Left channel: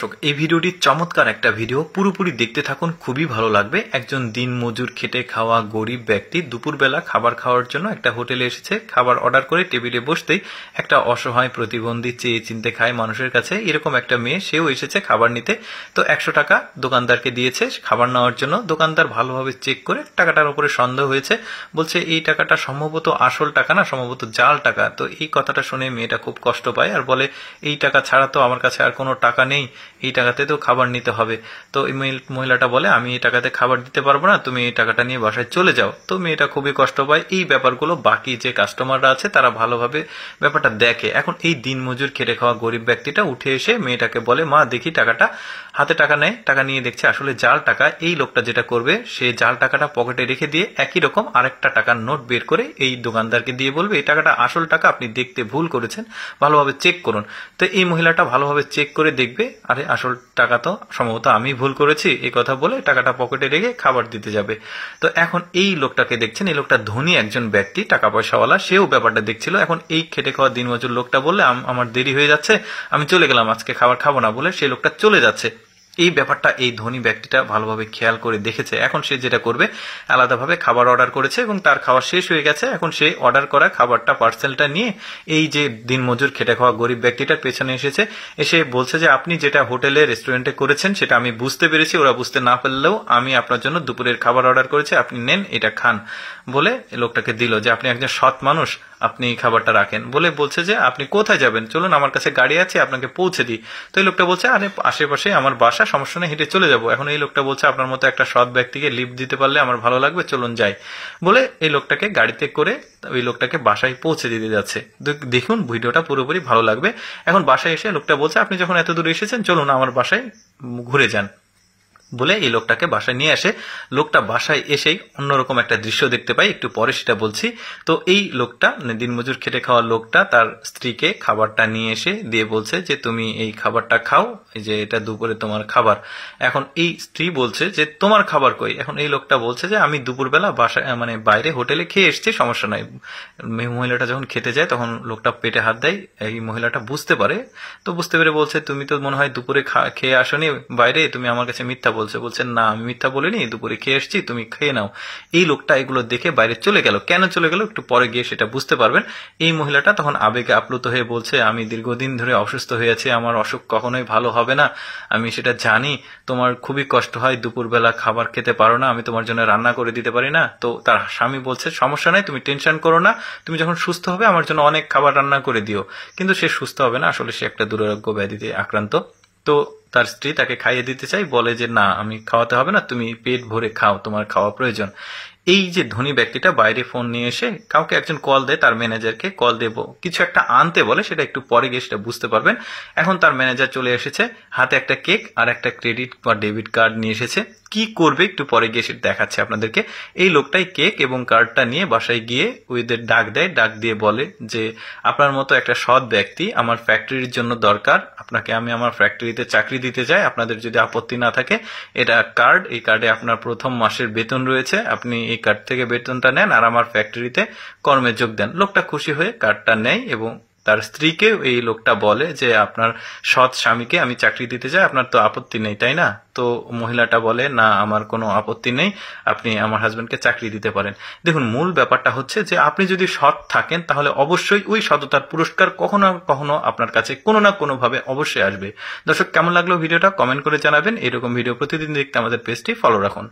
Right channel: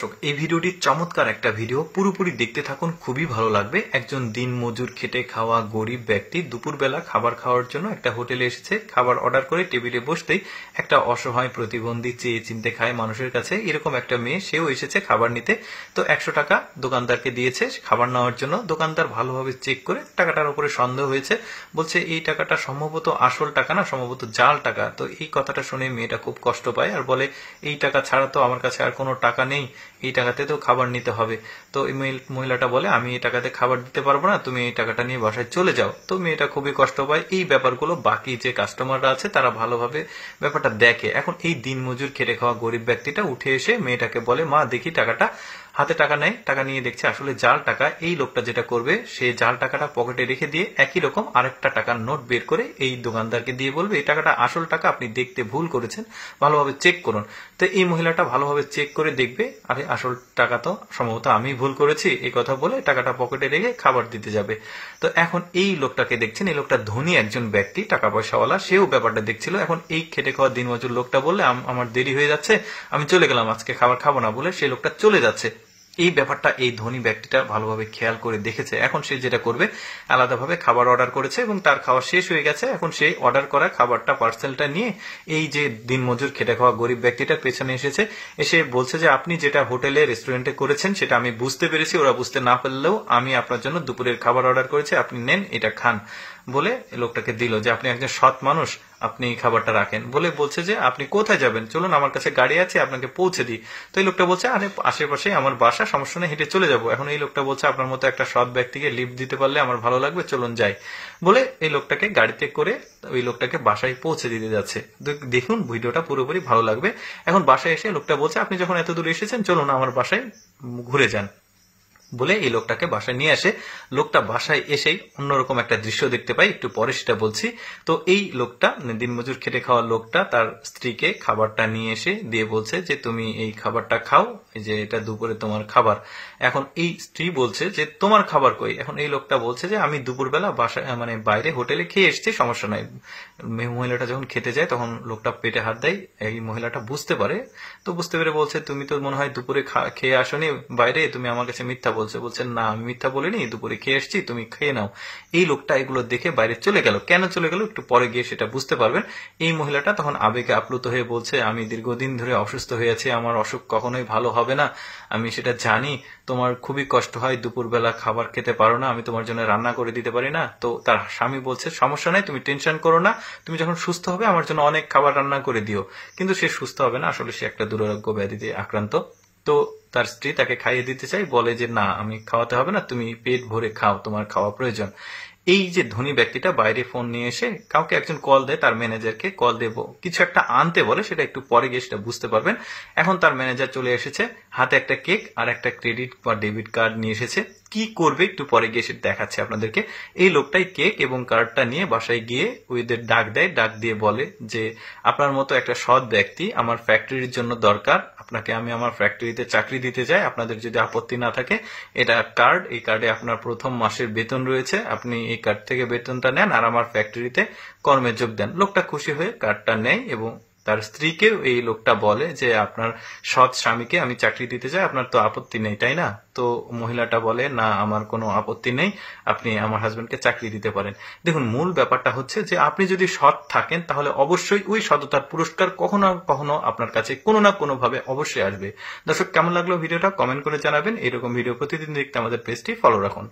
এই ভিডিওটি চমৎকার একটা ভিডিও, পুরোপুরি দেখতে থাকুন, খুবই ভালো লাগবে। একজন দিন মজুর খেটে খাওয়া গরিব ব্যক্তি দুপুরবেলা খাবার খাওয়ার জন্য একটা হোটেলে এসেছে। খাবার অর্ডার করে টেবিলে বসতেই একটা অসহায় প্রতিবন্ধী চেয়ে চিনতে খায় মানুষের কাছে এরকম একটা মেয়ে, সেও এসেছে খাবার নিতে। তো 100 টাকা দোকানদারকে দিয়েছে খাবার নেওয়ার জন্য। দোকানদার ভালোভাবে চেক করে টাকাটার উপরে সন্দেহ হয়েছে, বলছে এই টাকাটা সম্ভবত আসল টাকা না, সম্ভবত জাল টাকা। তো এই কথাটা শুনে মেয়েটা খুব কষ্ট পায় আর বলে এই টাকা ছাড়া তো আমার কাছে আর কোনো টাকা নেই, এই টাকাতে তো খাবার নিতে হবে। তো এই মহিলাটা বলে আমি এই টাকাতে খাবার দিতে পারবো না, তুমি এই টাকাটা নিয়ে বাসায় চলে যাও। তো মেয়েটা খুবই কষ্ট পায়। এই ব্যাপারগুলো বাকি যে কাস্টমাররা আছে তারা ভালোভাবে ব্যাপারটা দেখে। এখন এই দিনমজুর খেটে খাওয়া গরিব ব্যক্তিটা উঠে এসে মেয়েটাকে বলে মা দেখি টাকাটা। হাতে টাকা নেয়, টাকা নিয়ে দেখছে আসলে জাল টাকা। এই লোকটা যেটা করবে, সে জাল টাকাটা পকেটে রেখে দিয়ে একই রকম আরেকটা টাকার নোট বের করে এই দোকানদারকে দিয়ে বলবে এই টাকাটা আসল টাকা, আপনি দেখতে ভুল করেছেন, ভালোভাবে চেক করুন। তো এই মহিলাটা ভালোভাবে চেক করে দেখবে আরে আসল টাকা তো সম্ভবত আমি ভুল করেছি, এই কথা বলে টাকাটা পকেটে রেখে খাবার দিতে যাবে। তো এখন এই লোকটাকে দেখছেন, এই লোকটা ধনী একজন ব্যক্তি, টাকা পয়সাওয়ালা, সেও ব্যাপারটা দেখছিল। এখন এই খেটে খাওয়া দিনমজুর লোকটা বললে আমার দেরি হয়ে যাচ্ছে, আমি চলে গেলাম, আজকে খাবার খাবো না বলে সেই লোকটা চলে যাচ্ছে। এই ব্যাপারটা এই ধনী ব্যক্তিটা ভালোভাবে খেয়াল করে দেখেছে। এখন সে যেটা করবে, আলাদাভাবে খাবার অর্ডার করেছে এবং তার খাবার শেষ হয়ে গেছে। এখন সে অর্ডার করা খাবারটা, পার্সেলটা নিয়ে এই যে দিনমজুর খেটে খাওয়া গরিব ব্যক্তিটার পেছনে এসেছে, এসে বলছে যে আপনি যেটা হোটেলে রেস্টুরেন্টে করেছেন সেটা আমি বুঝতে পেরেছি, ওরা বুঝতে না পারলেও আমি আপনার জন্য দুপুরের খাবার অর্ডার করেছি, আপনি নেন, এটা খান বলে লোকটাকে দিল যে আপনি একজন সৎ মানুষ, আপনি খাবারটা রাখেন বলে বলছে যে আপনি কোথায় যাবেন, চলুন আমার কাছে গাড়ি আছে, আপনাকে পৌঁছে দিই। তো এই লোকটা বলছে আরে আশেপাশে আমার বাসা, সমস্যা নেই, হেঁটে চলে যাবো। এখন এই লোকটা বলছে আপনার মতো একটা সৎ ব্যক্তিকে লিফট দিতে পারলে আমার ভালো লাগবে, চলুন যাই বলে এই লোকটাকে গাড়িতে করে ওই লোকটাকে বাসায় পৌঁছে দিতে যাচ্ছে। দেখুন ভিডিওটা পুরোপুরি ভালো লাগবে। এখন বাসায় এসে লোকটা বলছে আপনি যখন এত দূরে এসেছেন চলুন আমার বাসায় ঘুরে যান বলে এই লোকটাকে বাসায় নিয়ে আসে। লোকটা বাসায় এসেই অন্যরকম একটা দৃশ্য দেখতে পাই, একটু পরে সেটা বলছি। তো এই লোকটা, দিনমজুর খেটে খাওয়া লোকটা, তার স্ত্রীকে খাবারটা নিয়ে এসে দিয়ে বলছে যে তুমি এই খাবারটা খাও, এই যে এটা দুপুরে তোমার খাবার। এখন এই স্ত্রী বলছে যে তোমার খাবার কই। এখন এই লোকটা বলছে যে আমি দুপুরবেলা বাসায় মানে বাইরে হোটেলে খেয়ে এসছি, সমস্যা নাই। মহিলাটা যখন খেতে যায় তখন লোকটা পেটে হাত দেয়, এই মহিলাটা বুঝতে পারে। তো বুঝতে পেরে বলছে তুমি তো মনে হয় দুপুরে খেয়ে আসনি বাইরে, তুমি আমার কাছে মিথ্যা বলছে। বলছেন না আমি মিথ্যা বলিনি, দুপুরে খেয়ে এসছি, তুমি খেয়ে নাও। এই লোকটা এগুলো দেখে বাইরে চলে গেল। কেন চলে গেল একটু পরে গিয়ে সেটা বুঝতে পারবেন। এই মহিলাটা তখন আবেগে আপ্লুত হয়ে বলছে আমি দীর্ঘদিন ধরে অসুস্থ হয়ে আছি, আমার অসুখ কখনোই ভালো হবে না, আমি সেটা জানি, তোমার খুবই কষ্ট হয়, দুপুরবেলা খাবার খেতে পারো না, আমি তোমার জন্য রান্না করে দিতে পারি না। তো তার স্বামী বলছে সমস্যা নাই, তুমি টেনশন করো না, তুমি যখন সুস্থ হবে আমার জন্য অনেক খাবার রান্না করে দিও। কিন্তু সে সুস্থ হবে না, আসলে সে একটা দুরারোগ্য ব্যাধিতে আক্রান্ত। তো তার স্ত্রী তাকে খাইয়ে দিতে চাই, বলে যে না আমি খাওয়াতে হবে না, তুমি পেট ভরে খাও, তোমার খাওয়া প্রয়োজন। এই যে ধনী ব্যক্তিটা বাইরে ফোন নিয়ে এসে কাউকে একজন কল দেয়, তার ম্যানেজারকে কল দেবো কিছু একটা আনতে বলে, সেটা একটু পরে গিয়ে সেটা বুঝতে পারবেন। এখন তার ম্যানেজার চলে এসেছে, হাতে একটা কেক আর একটা ক্রেডিট বা ডেবিট কার্ড নিয়ে এসেছে। কি করবে একটু পরে গিয়ে সেটা দেখাচ্ছে আপনাদেরকে। এই লোকটাই কেক এবং কার্ডটা নিয়ে বাসায় গিয়ে ওদের ডাক দেয়, ডাক দিয়ে বলে যে আপনার মতো একটা সৎ ব্যক্তি আমার ফ্যাক্টরির জন্য দরকার, আপনাকে আমি আমার ফ্যাক্টরিতে চাকরি দিতে চাই, আপনাদের যদি আপত্তি না থাকে এটা কার্ড, এই কার্ডে আপনার প্রথম মাসের বেতন রয়েছে, আপনি এই কার্ড থেকে বেতনটা নেন আর আমার ফ্যাক্টরিতে কর্মে যোগ দেন। লোকটা খুশি হয়ে কার্ডটা নেয় এবং তার স্ত্রীকে এই লোকটা বলে যে আপনার সৎ স্বামীকে আমি চাকরি দিতে চাই, আপনার তো আপত্তি নেই তাই না? তো মহিলাটা বলে না আমার কোনো আপত্তি নেই, আপনি আমার হাজবেন্ডকে চাকরি দিতে পারেন। দেখুন মূল ব্যাপারটা হচ্ছে যে আপনি যদি সৎ থাকেন তাহলে অবশ্যই ওই সততার পুরস্কার কখনো না কখনো আপনার কাছে কোনো না কোনো ভাবে অবশ্যই আসবে। দর্শক কেমন লাগলো ভিডিওটা কমেন্ট করে জানাবেন। এরকম ভিডিও প্রতিদিন দেখতে আমাদের পেজটি ফলো রাখুন।